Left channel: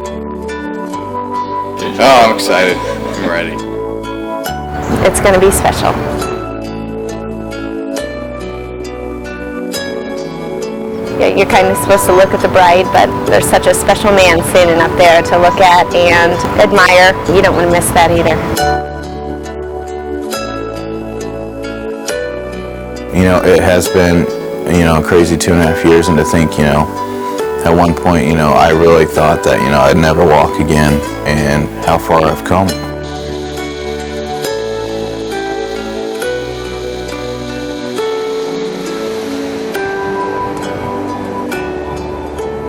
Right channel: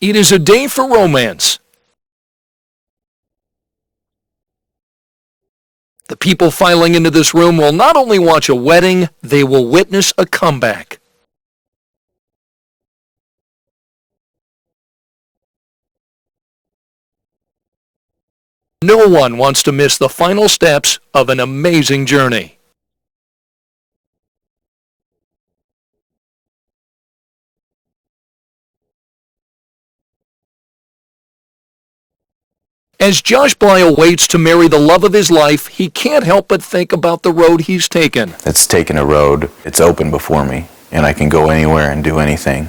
It is a day for romance. Oh, I'm excited. I'm ready. It's going to be special. The people filing into this room will not only watch a wedding, they will witness a comeback. You're kind of supposed to look at the bride, but there's such a special man standing up there to look at and admire. You don't want to miss that either. No one wants to miss the final steps of an amazing journey. You know, it has been, a crazy 2.5 years, and to think, at one point, I really thought that, I'd never walk again, and how far I've come. As Josh Bly waits to marry the love of his life, he can't help but think about the road he's taken. It's taken a road, it's open before me, and I can go anywhere and do anything.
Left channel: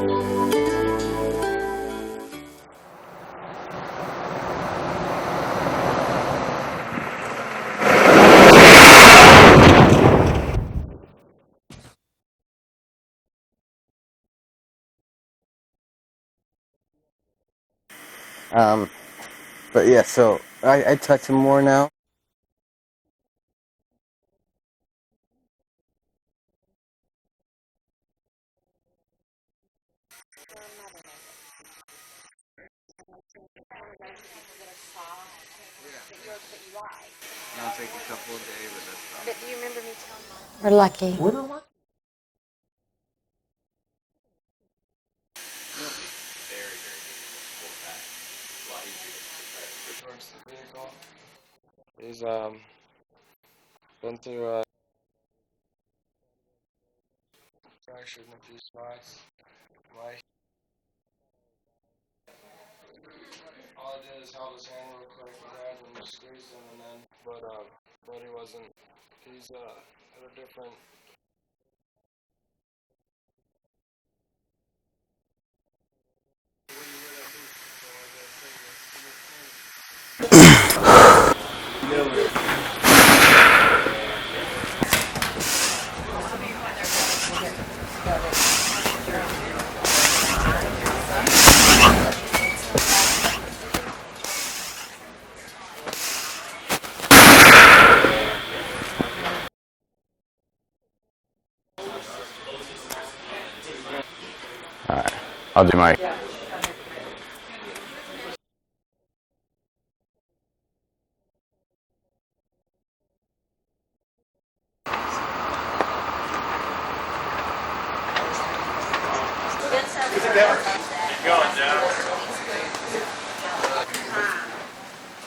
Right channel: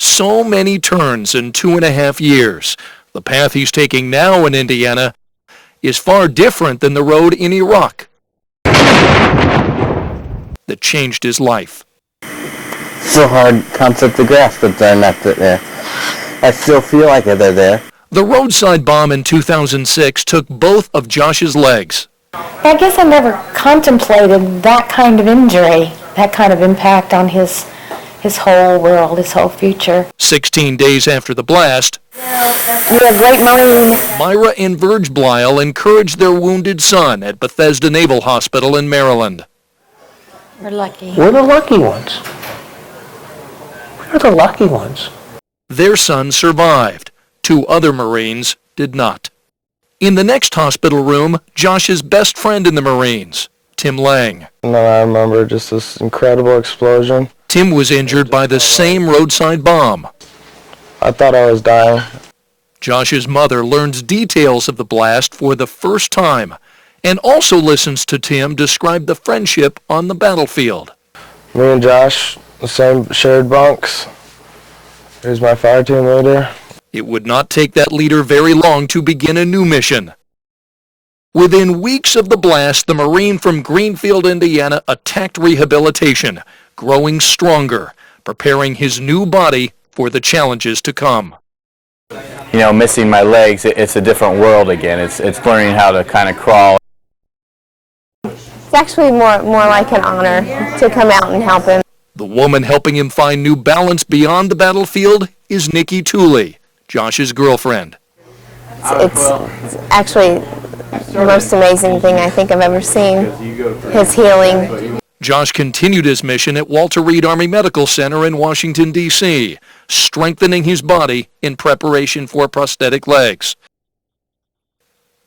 So many turns in 2.5 years. The path he's taking now in Indiana is far different than the road in Iraq that changed his life. It's a hard concept to grasp that they're not there. I still feel like they're there. The Roadside bomb in 2006 took both of Josh's legs. I guess I never contemplated that kind of injury, that kind of impact on his whole world, his whole future. 16 days after the blast, You're a great Marine. Myra and Verge Blyle encouraged their wounded son at Bethesda Naval Hospital in Maryland. We're lucky. We're the lucky ones. We're the lucky ones. Their son survived. 2 other Marines did not. In the next hospital room, Josh's best friend in the Marines, Tim Lang. And then I remember just this incredible explosion. Tim was injured by the same roadside bomb. I thought I was dying. Josh's mother learns details of the blast for the first time and also listens to Tim describe the friendship on the battlefield. Me and Josh, the same shared bunks. He was my fire team leader. It would not take that leader very long to begin a new mission. Within weeks of the blast, the Marine from Greenfield, Indiana, attacked rehabilitation, growing stronger, preparing his new body for the challenges to come. Missing my legs, it's a different world again. It's learning how to kind of crawl. It's actually more like an honor to come out and help him. The woman helping him find new balance beyond the battlefield is Nikki Tooley, Josh's girlfriend. It's actually the most amazing thing I think I've ever seen, his healing. Josh continued his mission at Walter Reed Army Medical Center in Washington, D.C., strengthening his body in preparation for prosthetic legs.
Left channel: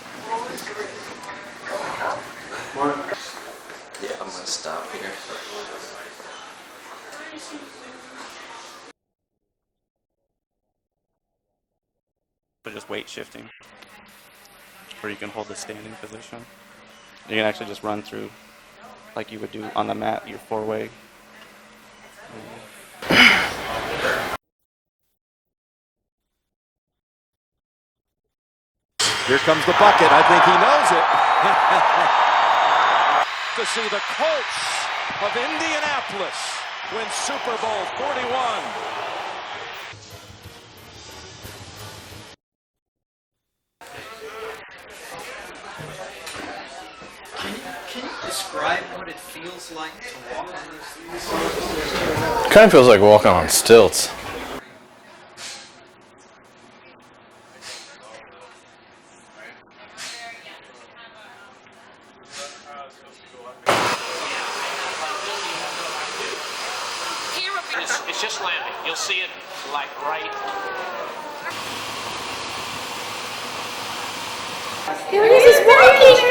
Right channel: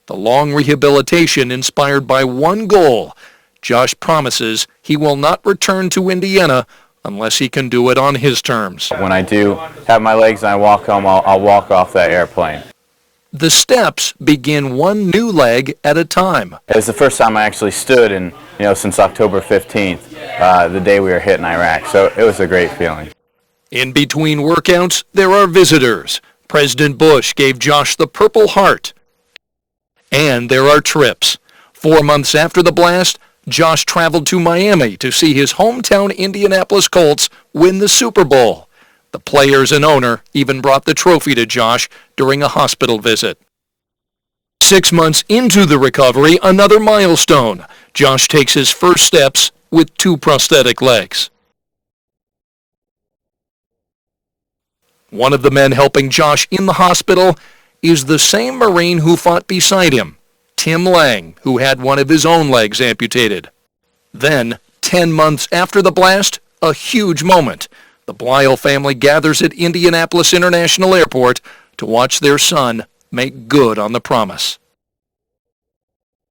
The long rehabilitation inspired by one goal. Josh promises he will not return to Indiana unless he can do it on his terms. When I do have my legs and I walk home, I'll walk off that airplane. The steps begin one new leg at a time. It was the first time I actually stood since October 15th, the day we were hit in Iraq. So it was a great feeling. In between workouts, there are visitors. President Bush gave Josh the Purple Heart. Here comes the bucket. And there are trips. 4 months after the blast, Josh traveled to Miami to see his hometown Indianapolis Colts win the Super Bowl. The players and owner even brought the trophy to Josh during a hospital visit. 6 months into the recovery, another milestone. Josh takes his first steps with 2 prosthetic legs. Kind of feels like walking on stilts. One of the men helping Josh in the hospital is the same Marine who fought beside him, Tim Lang, who had one of his own legs amputated. Then, 10 months after the blast, a huge moment. The Blyle family gathers at Indianapolis International Airport to watch their son make good on the promise. Here it is, it's working!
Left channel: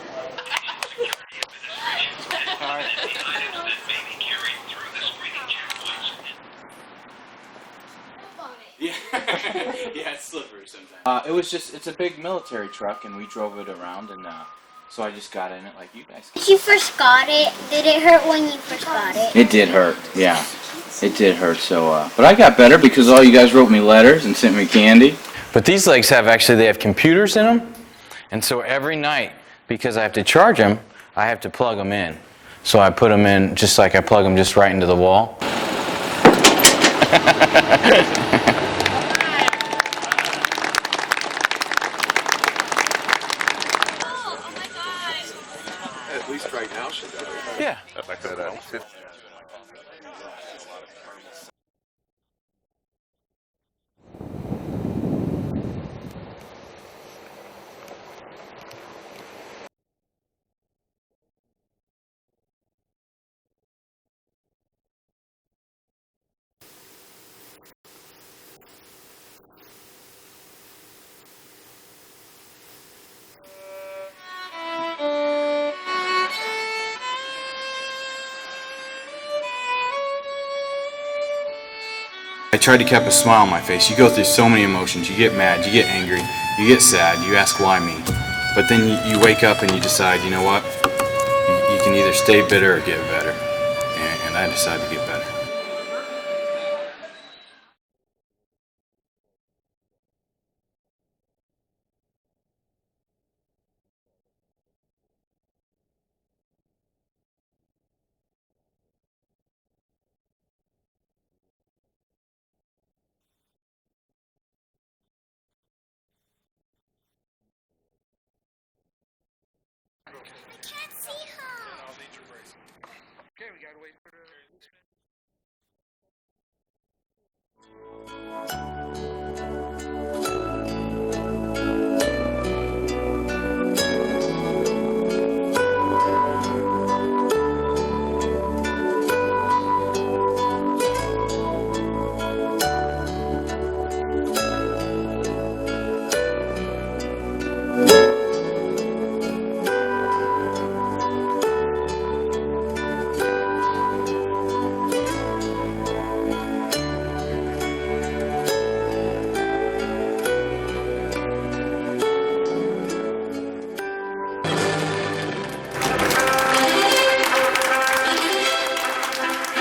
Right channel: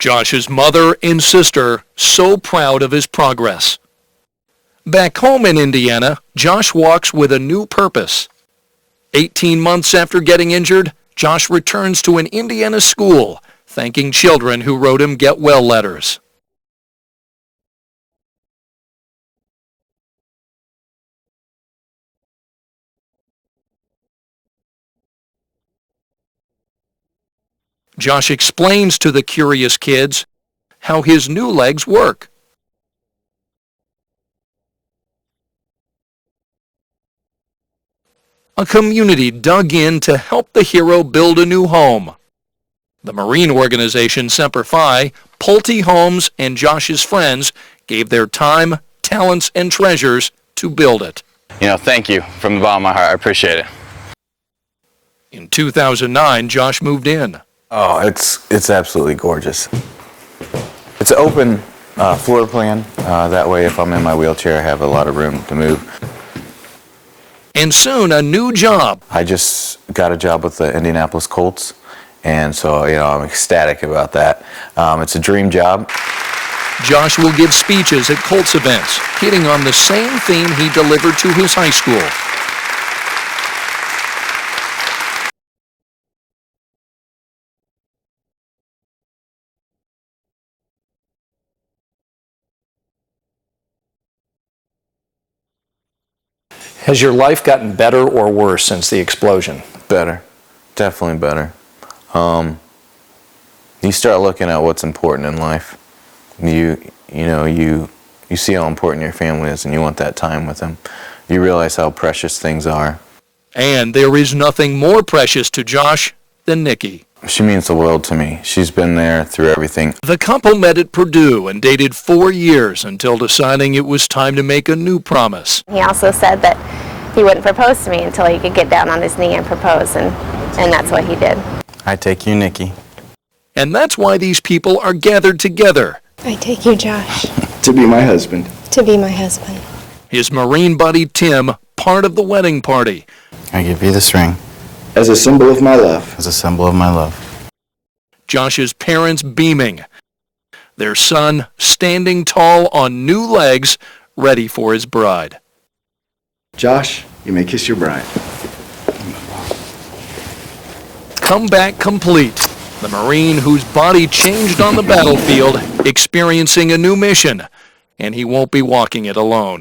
Josh's mother and sister so proud of his progress. Back home in Indiana, Josh walks with a new purpose. 18 months after getting injured, Josh returns to an Indiana school, thanking children who wrote him get well letters. When you first got it, did it hurt when you first got it? It did hurt, yeah. It did hurt, but I got better because all you guys wrote me letters and sent me candy. But these legs they have computers in them? Josh explains to the curious kids how his new legs work. So I put them in just like I plug them just right into the wall. A community dug in to help the hero build a new home. The Marine organization Semper Fi Pulte Homes and Josh's friends gave their time, talents, and treasures to build it. You know, thank you from the bottom of my heart. I appreciate it. In 2009, Josh moved in. Oh, it's absolutely gorgeous. It's an open floor plan. That way, if I'm in my wheelchair, I have a lot of room to move. And soon, a new job. I just got a job with the Indianapolis Colts, and so, you know, I'm ecstatic about that. It's a dream job. Josh will give speeches at Colts events, hitting on the same theme he delivered to his high school. I try to keep a smile on my face. You go through so many emotions. You get mad, you get angry, you get sad, you ask why me. But then you wake up and you decide, you know what? You can either stay bitter or get better. And I decided to get better. Has your life gotten better or worse since the explosion? Better. Definitely better. You start looking at what's important in life. You see how important your family is, and you want that time with them. You realize how precious things are. And there is nothing more precious to Josh than Nikki. She means the world to me. She's been there through everything. The couple met at Purdue and dated 4 years until deciding it was time to make a new promise. He also said that he wouldn't propose to me until he could get down on his knee and propose, and that's what he did. I take you, Nikki. And that's why these people are gathered together. I take you, Josh. To be my husband. To be my husband. His Marine buddy, Tim, part of the wedding party. I give you this ring. As a symbol of my love. As a symbol of my love. Josh's parents beaming. Their son standing tall on new legs, ready for his bride. Josh, you may kiss your bride. Comeback complete. The Marine whose body changed on the battlefield, experiencing a new mission, and he won't be walking it alone.